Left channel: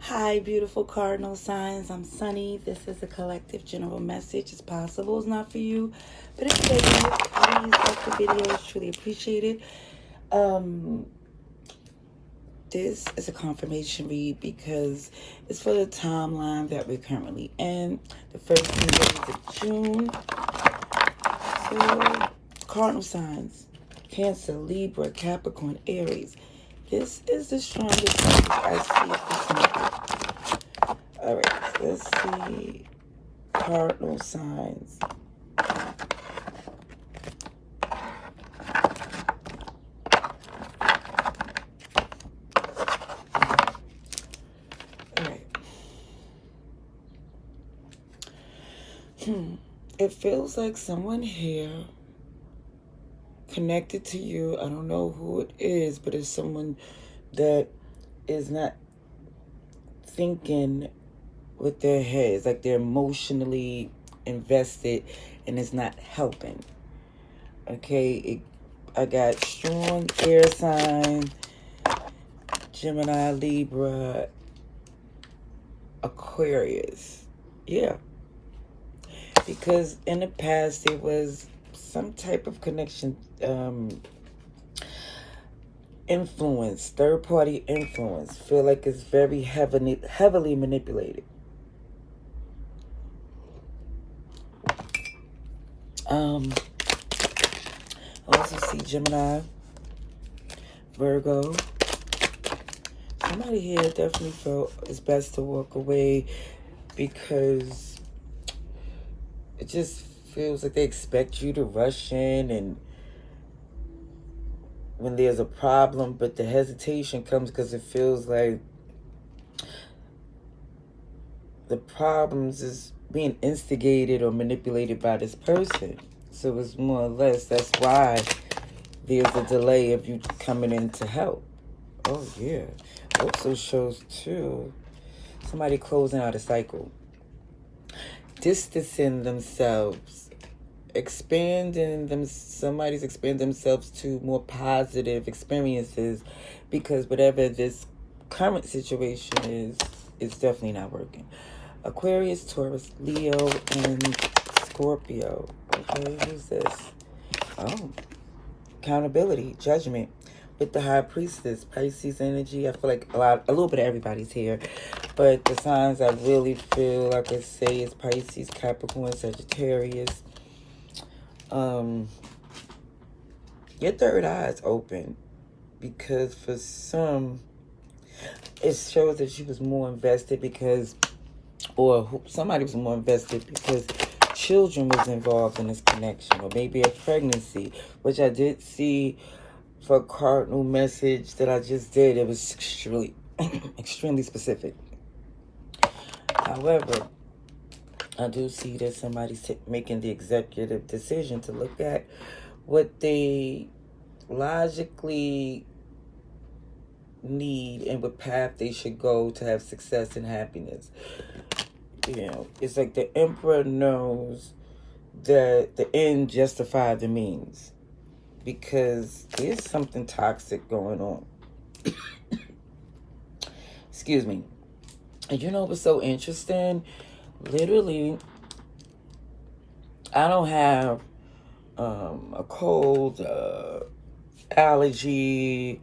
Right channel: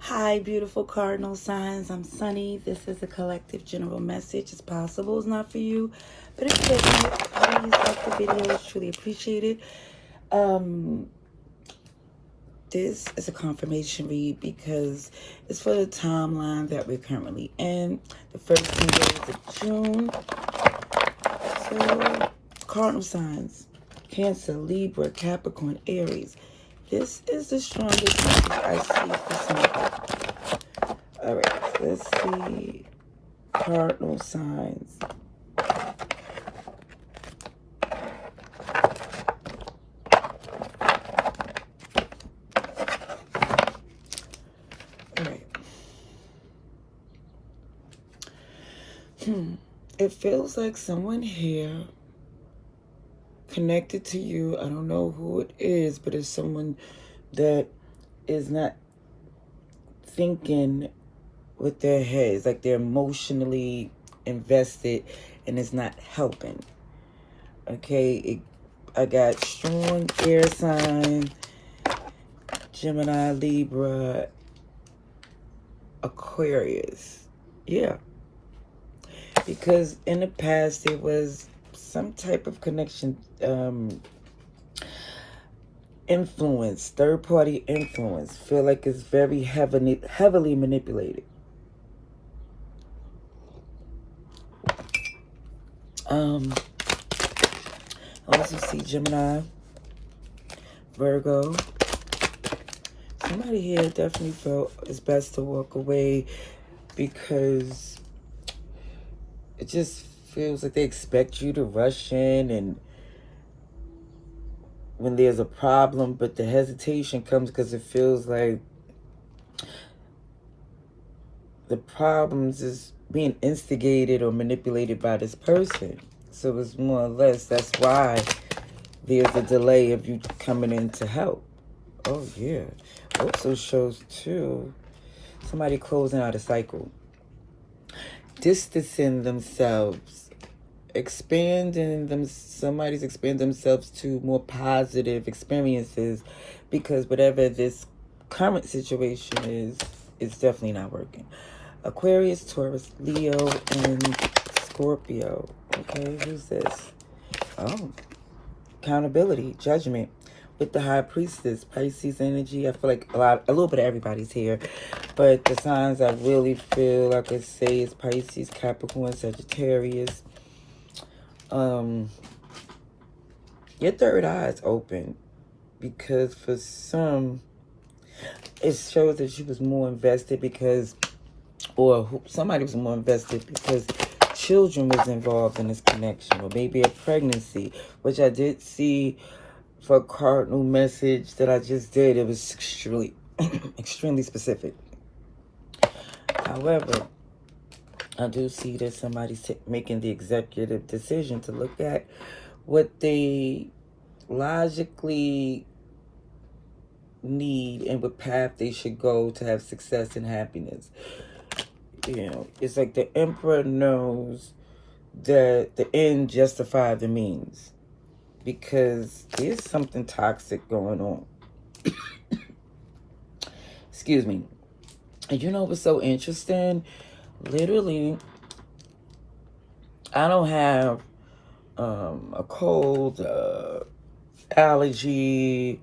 Hi, beautiful cardinal signs. I'm Sunny. This is a collective general message. It's possible it's not for you, but if it is, please like the video. It's truly appreciated. Um, this is a confirmation read because it's for the timeline that we're currently in. The first 10 days of June. So, cardinal signs: Cancer, Libra, Capricorn, Aries. This is the strongest message I see for somebody. Alright, let's see. Cardinal signs. Alright. It feels like someone here connected to you. I don't know who it is, but it's someone that is not thinking with their heads, like they're emotionally invested and it's not helping. Okay, I got strong air sign, Gemini, Libra, Aquarius. Yeah, because in the past there was some type of connection, influence, third-party influence. Feel like it's very heavily manipulated. I also see Gemini, Virgo. Somebody here definitely felt it's best to walk away because it just feels like they expect you to rush in and when there's a problem, but the hesitation comes because it feels like the problems is being instigated or manipulated by this person. So it's more or less, that's why there's a delay of you coming in to help. Oh, yeah. Also shows, too, somebody closing out a cycle. Distancing themselves. Somebody's expanding themselves to more positive experiences because whatever this current situation is, it's definitely not working. Aquarius, Taurus, Leo, and Scorpio. Okay, who's this? Oh, accountability, judgment. With the High Priestess, Pisces energy. I feel like a little bit of everybody's here. But the signs I really feel like I say is Pisces, Capricorn, Sagittarius. Your third eye is open. Because for some, it shows that she was more invested because, or somebody was more invested because children was involved in this connection, or maybe a pregnancy, which I did see for a cardinal message that I just did. It was extremely specific. However, I do see that somebody's making the executive decision to look at what they logically need and what path they should go to have success and happiness. You know, it's like the emperor knows that the end justifies the means because there's something toxic going on. Excuse me. And you know what's so interesting? Literally, I don't have a cold, allergy.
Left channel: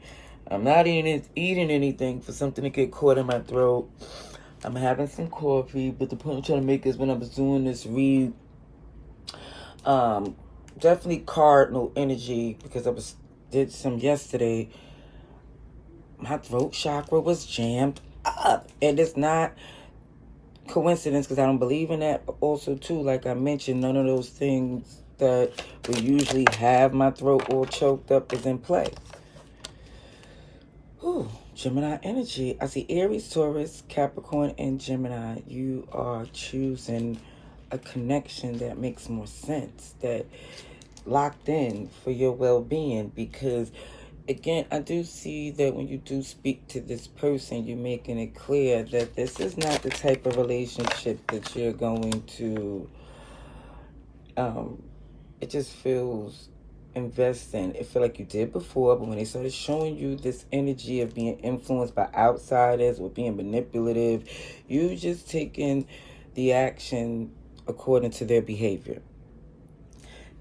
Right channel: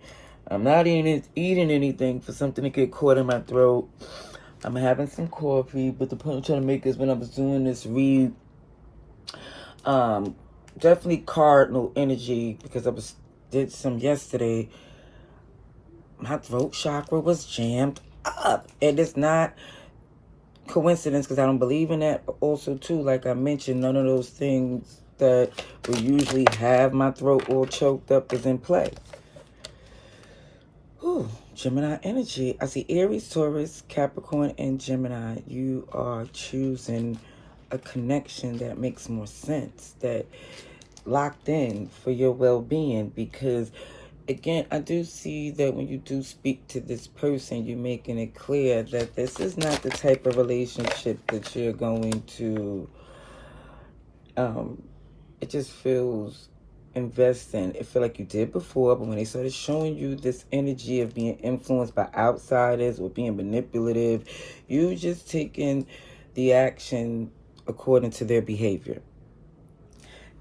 I'm not eating anything for something to get caught in my throat. I'm having some coffee, but the point I'm trying to make is when I was doing this read, definitely cardinal energy because I did some yesterday. My throat chakra was jammed up, and it's not coincidence because I don't believe in that. But also, too, like I mentioned, none of those things that would usually have my throat all choked up is in play. Ooh, Gemini energy. I see Aries, Taurus, Capricorn, and Gemini. You are choosing a connection that makes more sense, that locked in for your well-being because again, I do see that when you do speak to this person, you're making it clear that this is not the type of relationship that you're going to, it just feels invest in. It feel like you did before, but when they started showing you this energy of being influenced by outsiders or being manipulative, you just taking the action according to their behavior.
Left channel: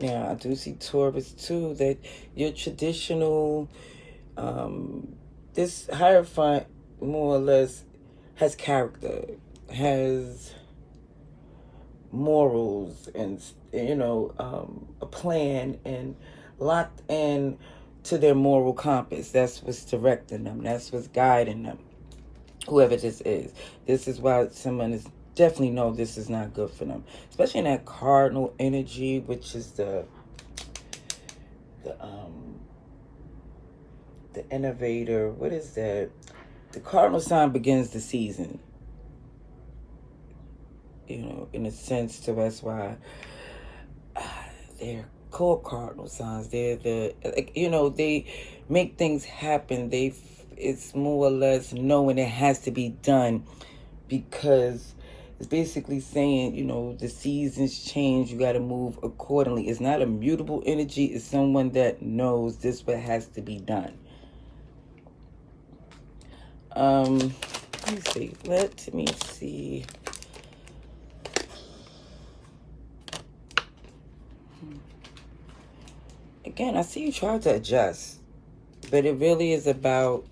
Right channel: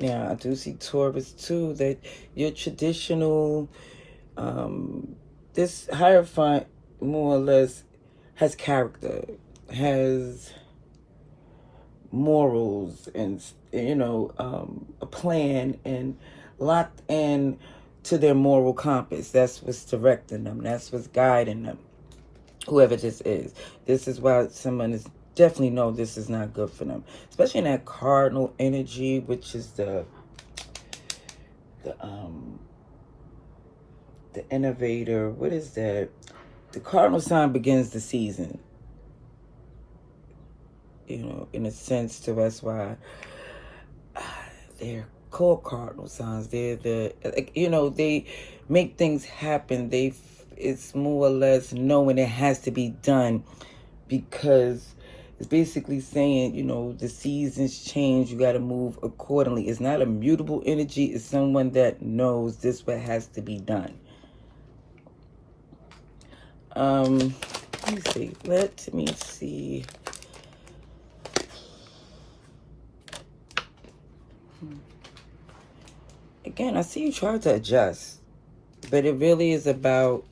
Now, I do see Taurus too, that your traditional, this Hierophant more or less has character, has morals, and a plan, and locked in to their moral compass. That's what's directing them. That's what's guiding them. Whoever this is. This is why someone is definitely know this is not good for them. Especially in that cardinal energy, which is the innovator. What is that? The cardinal sign begins the season. In a sense, to that's why they're called cardinal signs. They're they make things happen. It's more or less knowing it has to be done, because it's basically saying, the seasons change. You got to move accordingly. It's not a mutable energy. It's someone that knows this what has to be done. Let me see. Let me see. Again, I see you try to adjust, but it really is about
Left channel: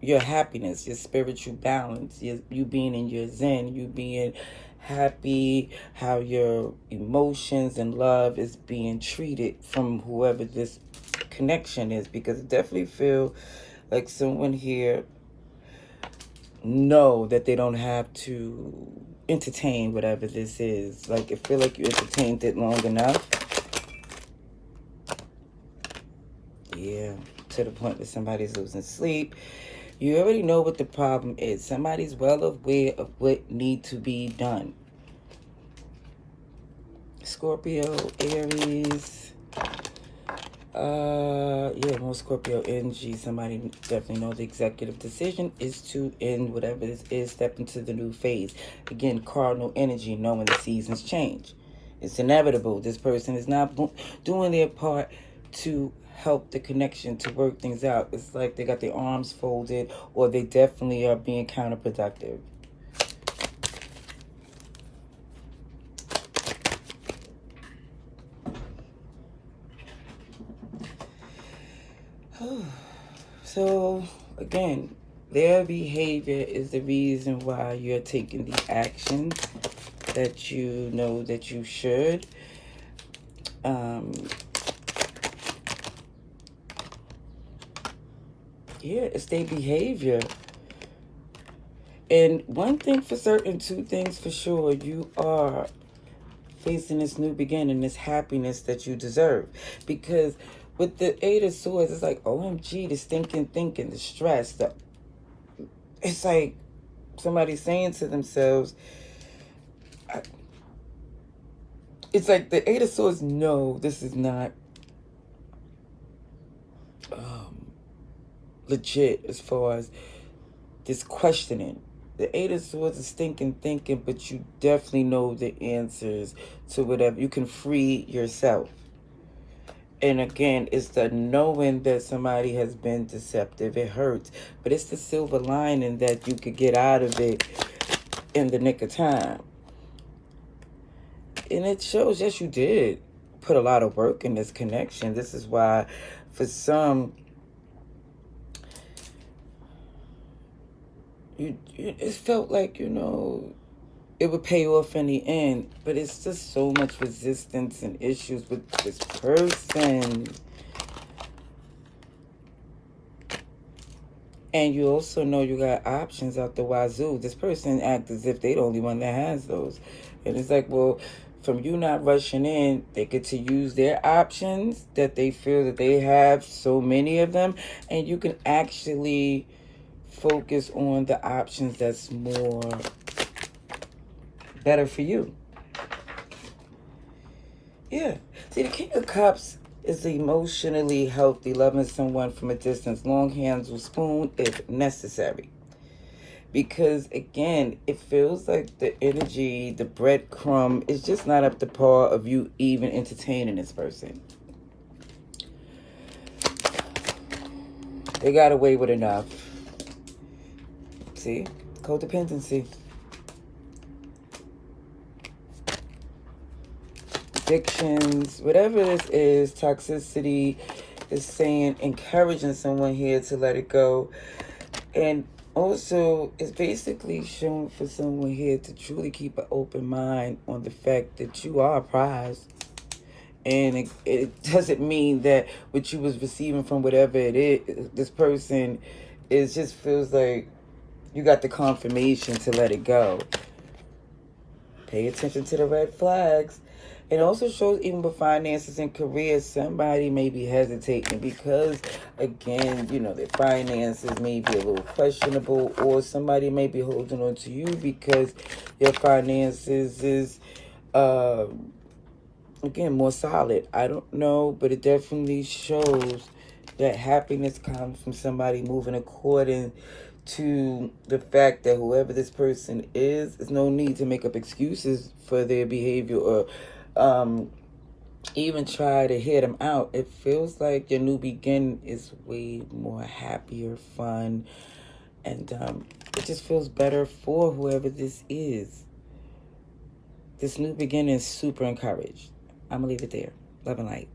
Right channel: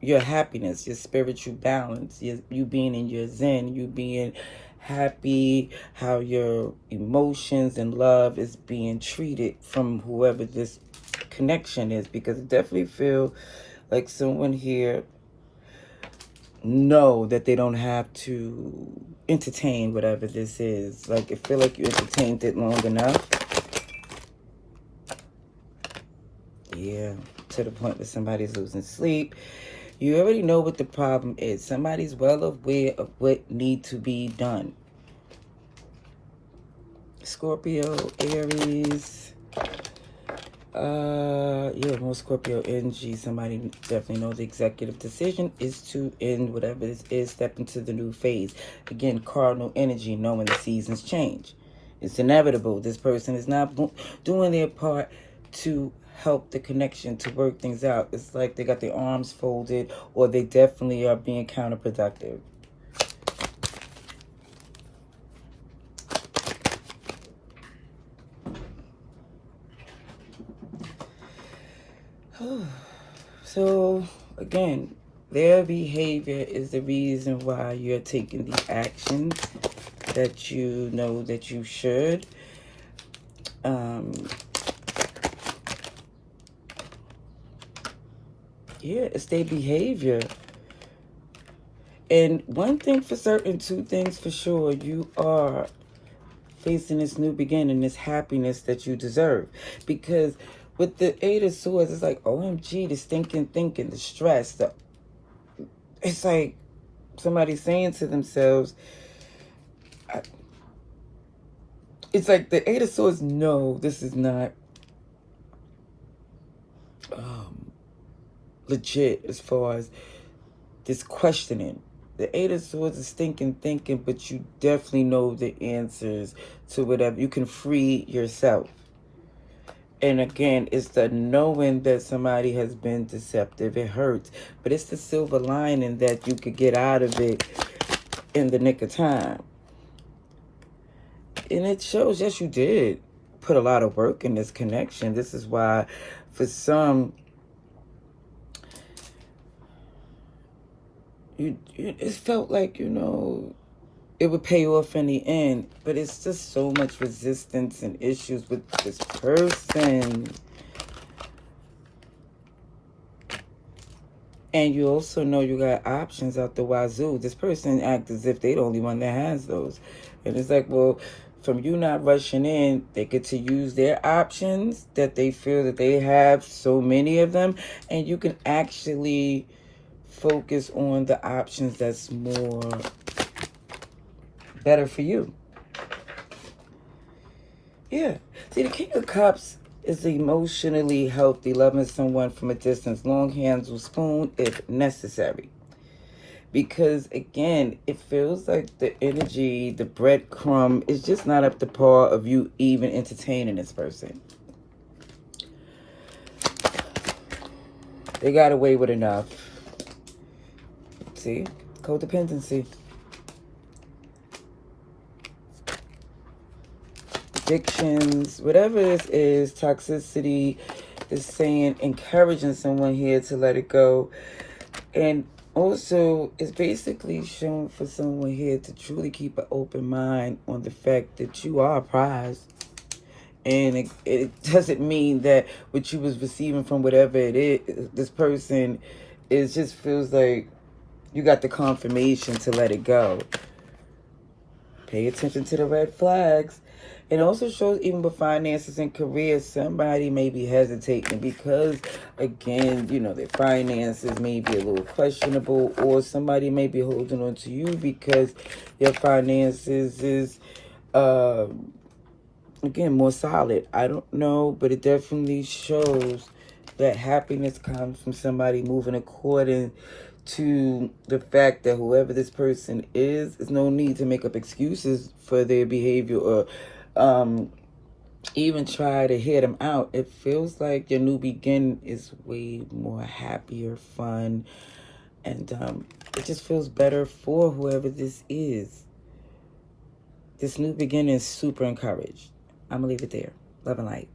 your happiness, your spiritual balance, you being in your zen, you being happy, how your emotions and love is being treated from whoever this connection is, because I definitely feel like someone here know that they don't have to entertain whatever this is. Like, I feel like you entertained it long enough. Yeah, to the point that somebody's losing sleep. You already know what the problem is. Somebody's well aware of what needs to be done. Scorpio, Aries. More Scorpio energy. Somebody definitely knows the executive decision is to end whatever this is, step into the new phase. Again, cardinal energy, knowing the seasons change. It's inevitable. This person is not doing their part to help the connection, to work things out. It's like they got their arms folded, or they definitely are being counterproductive. So, again, their behavior is the reason why you're taking the actions that you know that you should. It's their behavior. And one thing for certain, two things for sure, you are facing this new beginning, this happiness that you deserve. Because with the Eight of Swords, it's like, OMG, the stinking thinking, the stress. It's like somebody saying to themselves, it's like the Eight of Swords, no, this is not legit as far as this questioning. The Eight of Swords is stinking thinking, but you definitely know the answers to whatever. You can free yourself. And again, it's the knowing that somebody has been deceptive. It hurts. But it's the silver lining that you could get out of it in the nick of time. And it shows, yes, you did put a lot of work in this connection. This is why, for some, it felt like, it would pay off in the end. But it's just so much resistance and issues with this person. And you also know you got options out the wazoo. This person acts as if they're the only one that has those. And it's like, well, from you not rushing in, they get to use their options that they feel that they have, so many of them. And you can actually focus on the options that's more better for you. Yeah. See, the King of Cups is emotionally healthy, loving someone from a distance, long hands with spoon if necessary. Because, again, it feels like the energy, the breadcrumb, is just not up to par of you even entertaining this person. They got away with enough. See? Codependency. Addictions. Whatever this is, toxicity is saying, encouraging someone here to let it go. And also, it's basically showing for someone here to truly keep an open mind on the fact that you are a prize. And it doesn't mean that what you was receiving from whatever it is, this person, it just feels like you got the confirmation to let it go. Pay attention to the red flags. It also shows even with finances and career, somebody may be hesitating because, again, you know, their finances may be a little questionable, or somebody may be holding on to you because your finances is, again, more solid. I don't know, but it definitely shows that happiness comes from somebody moving according to the fact that whoever this person is, there's no need to make up excuses for their behavior or even try to hear them out. It feels like your new beginning is way more happier, fun, and it just feels better for whoever this is. This new beginning is super encouraged. I'm going to leave it there. Love and light.